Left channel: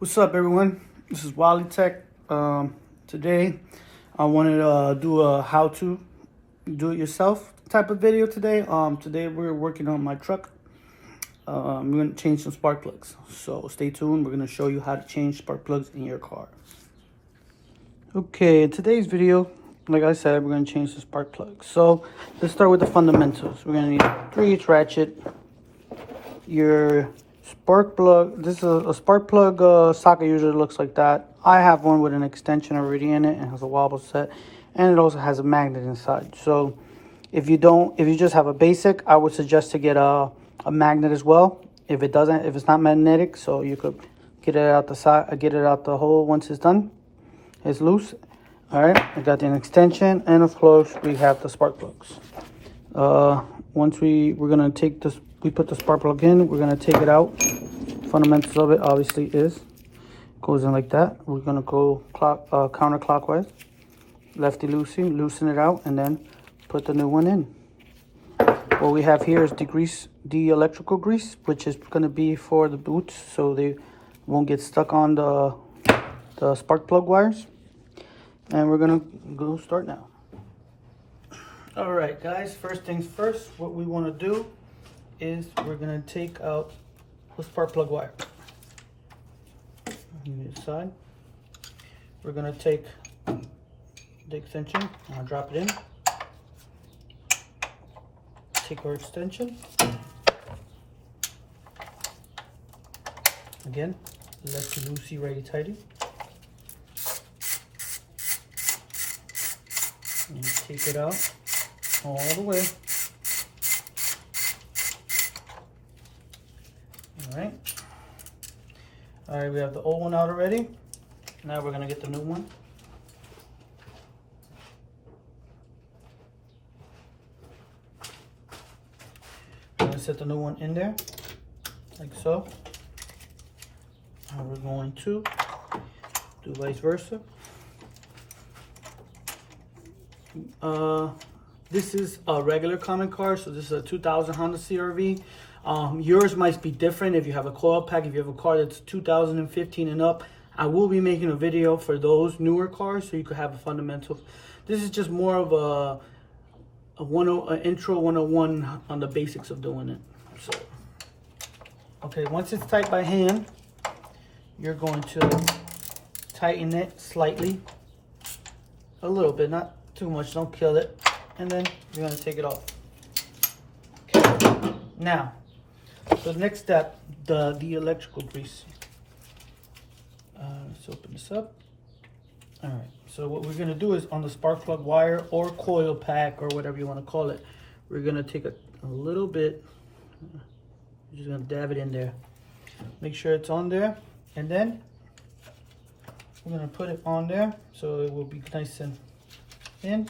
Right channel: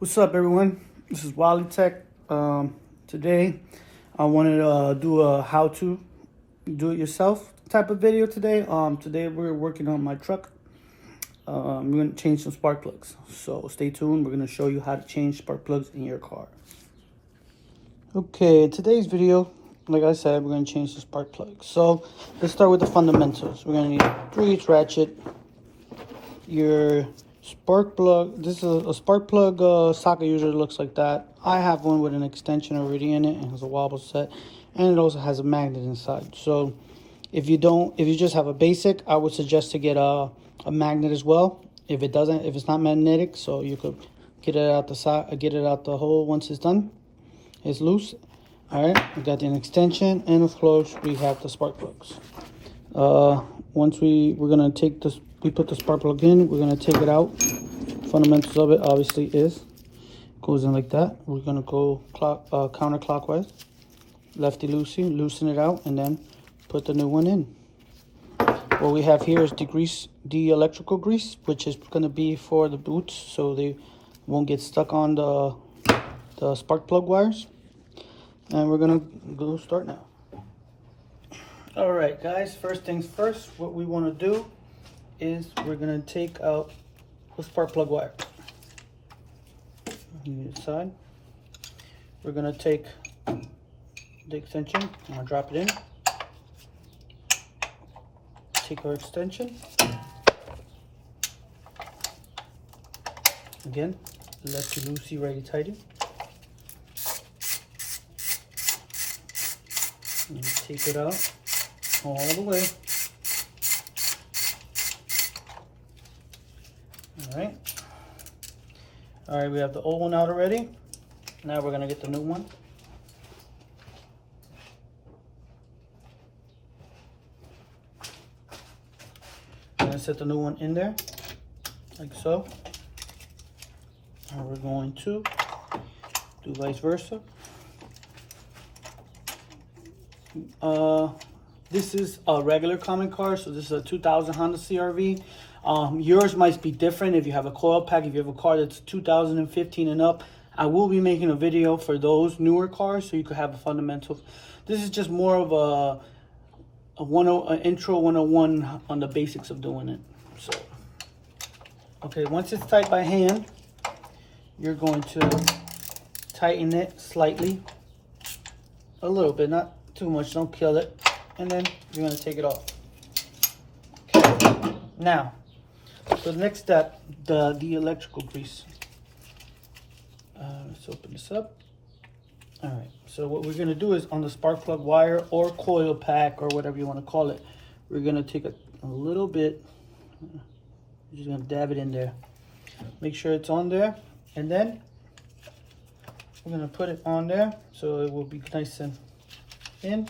What's up, everyone? This is Wally Tech. Today, I wanted to do a how-to do-it-yourself type of video today. Today we're working on my truck. We're gonna change some spark plugs. So stay tuned. We're gonna show you how to change spark plugs in your car. Okay, in today's video, like I said, we're gonna change the spark plugs. So let's start with the fundamentals. We're gonna need a 3/8 ratchet, your spark plug. This is a spark plug socket. Usually looks like that. I have one with an extension already in it and has a wobble set, and it also has a magnet inside. So if you just have a basic, I would suggest to get a magnet as well. If it's not magnetic, so you could get it out the side, get it out the hole once it's done. It's loose. All right, I got an extension, and of course we have the spark plugs. Once we're gonna take this, we put the spark plug in, we're gonna take it out. Fundamentals of it obviously is goes in like that. We're gonna go counterclockwise, lefty loosey, loosen it out, and then put the new one in. What we have here is the electrical grease, which is gonna be for the boots, so they won't get stuck on the spark plug wires. And we're gonna go start now. All right, guys, first things first, what we want to do is we're going to take out the spark plug wire. On the side, we're going to take the extension, I'm going to drop it in. Take our extension. Again, lefty loosey, righty tighty. And take it out all the way. All right, we have the old one out already. Now we're gonna get the new one. We're gonna set the new one in there, like so. And we're going to do vice versa. This is a regular common car, so this is a 2000 Honda CR-V. Yours might be different if you have a coil pack. If you have a car that's 2015 and up, I will be making a video for those newer cars, so you could have a fundamental. This is just more of an intro 101 on the basics of doing it. So, okay, once it's tight by hand, you're going to tighten it slightly, a little bit, not too much, don't kill it, and then you're going to take it off. Okay. Now, so the next step, the electrical grease. Let's open this up. All right, so what we're going to do is on the spark plug wire or coil pack or whatever you want to call it, we're going to take a little bit, we're just going to dab it in there. Make sure it's on there, and then we're going to put it on there so it will be nice and in,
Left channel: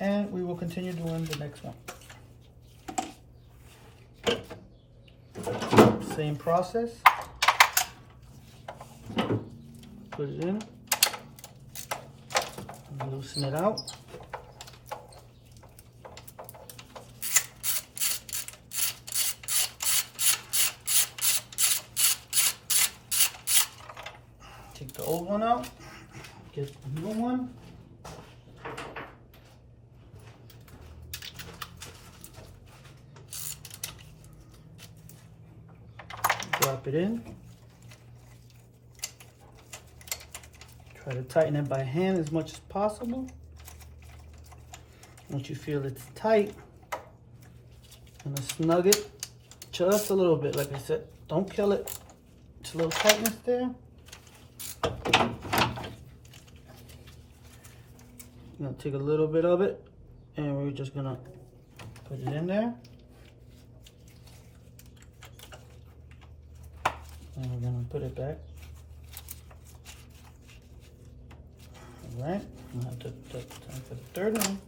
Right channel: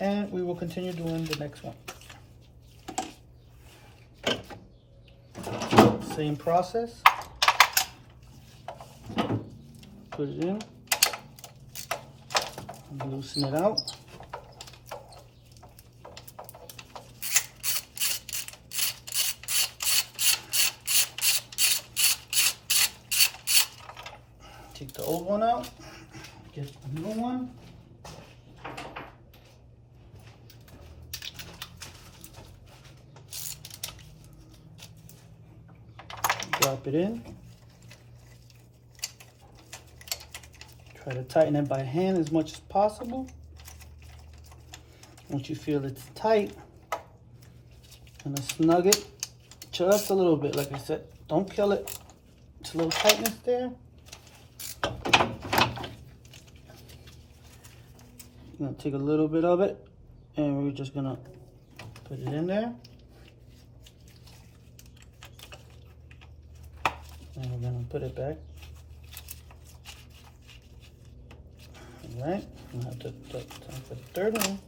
and we will continue doing the next one. Same process. Put it in, loosen it out. Take the old one out, get the new one. Drop it in. Try to tighten it by hand as much as possible. Once you feel it's tight, I'm gonna snug it just a little bit. Like I said, don't kill it. It's a little tightness there. I'm gonna take a little bit of it, and we're just gonna put it in there. And we're gonna put it back. All right, I'm gonna have to time for the third one.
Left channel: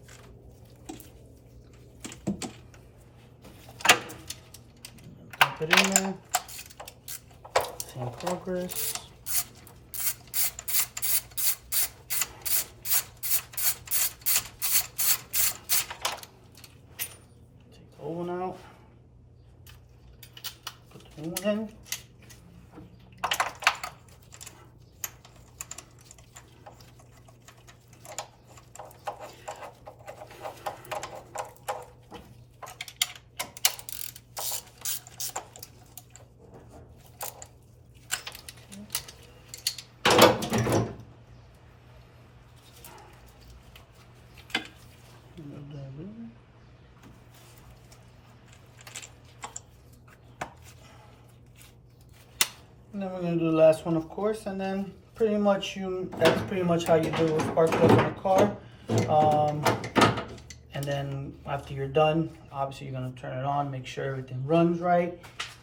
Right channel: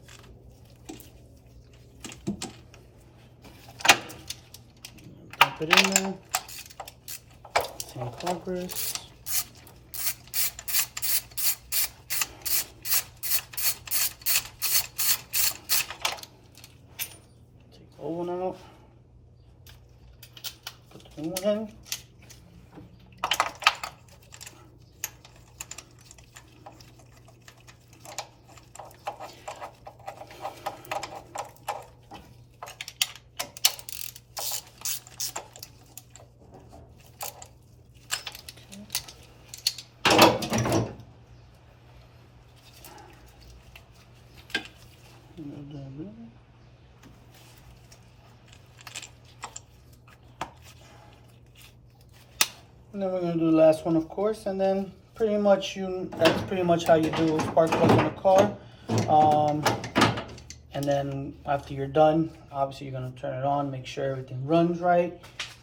Dump it in there. Same progress. Take the old one out. Put the new one in. And then we're gonna do the last one, of course, and then pretty much that's pretty much how you do spark plugs in a car. And then after you're done, obviously you're gonna turn it on, make sure everything runs right.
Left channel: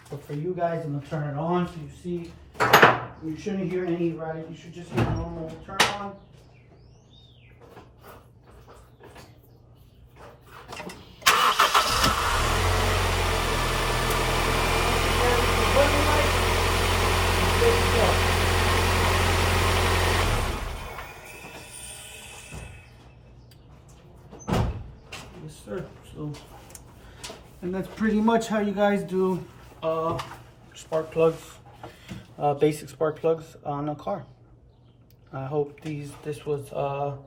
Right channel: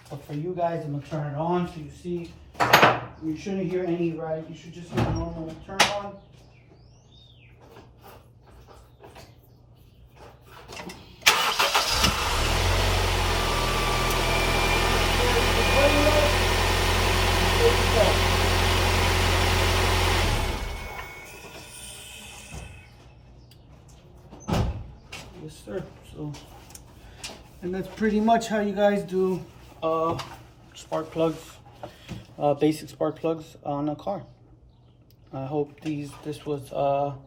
But for you guys, I'm gonna turn it on so you see, you shouldn't hear any, right? You should just hear the normal turn on. Yes, sir. So, and that's pretty much how you guys do spark plugs, basic spark plugs on a car. I hope this was a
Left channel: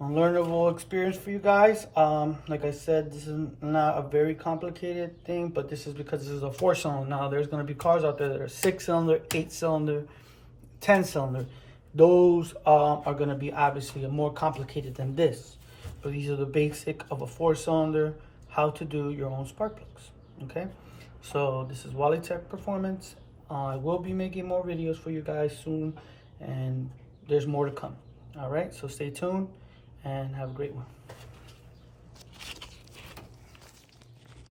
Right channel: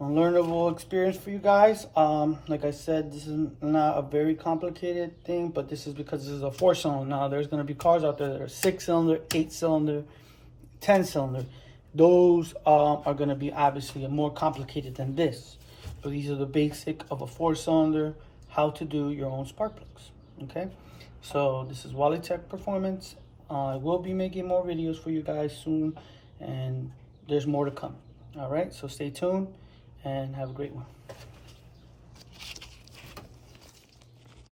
learnable experience for you guys. Like I said, this is not a very complicated thing, but this is because this is a 4-cylinder. Now there's going to be cars out there that are 6-cylinder, 8-cylinder, 10-cylinder. Those are going to be obviously more complicated than this. But these are the basic of a 4-cylinder, how to do your own spark plugs. Okay, so this is Wally Tech Performance. I will be making more videos for you guys soon, and there's more to come. All right, so stay tuned and have a great one.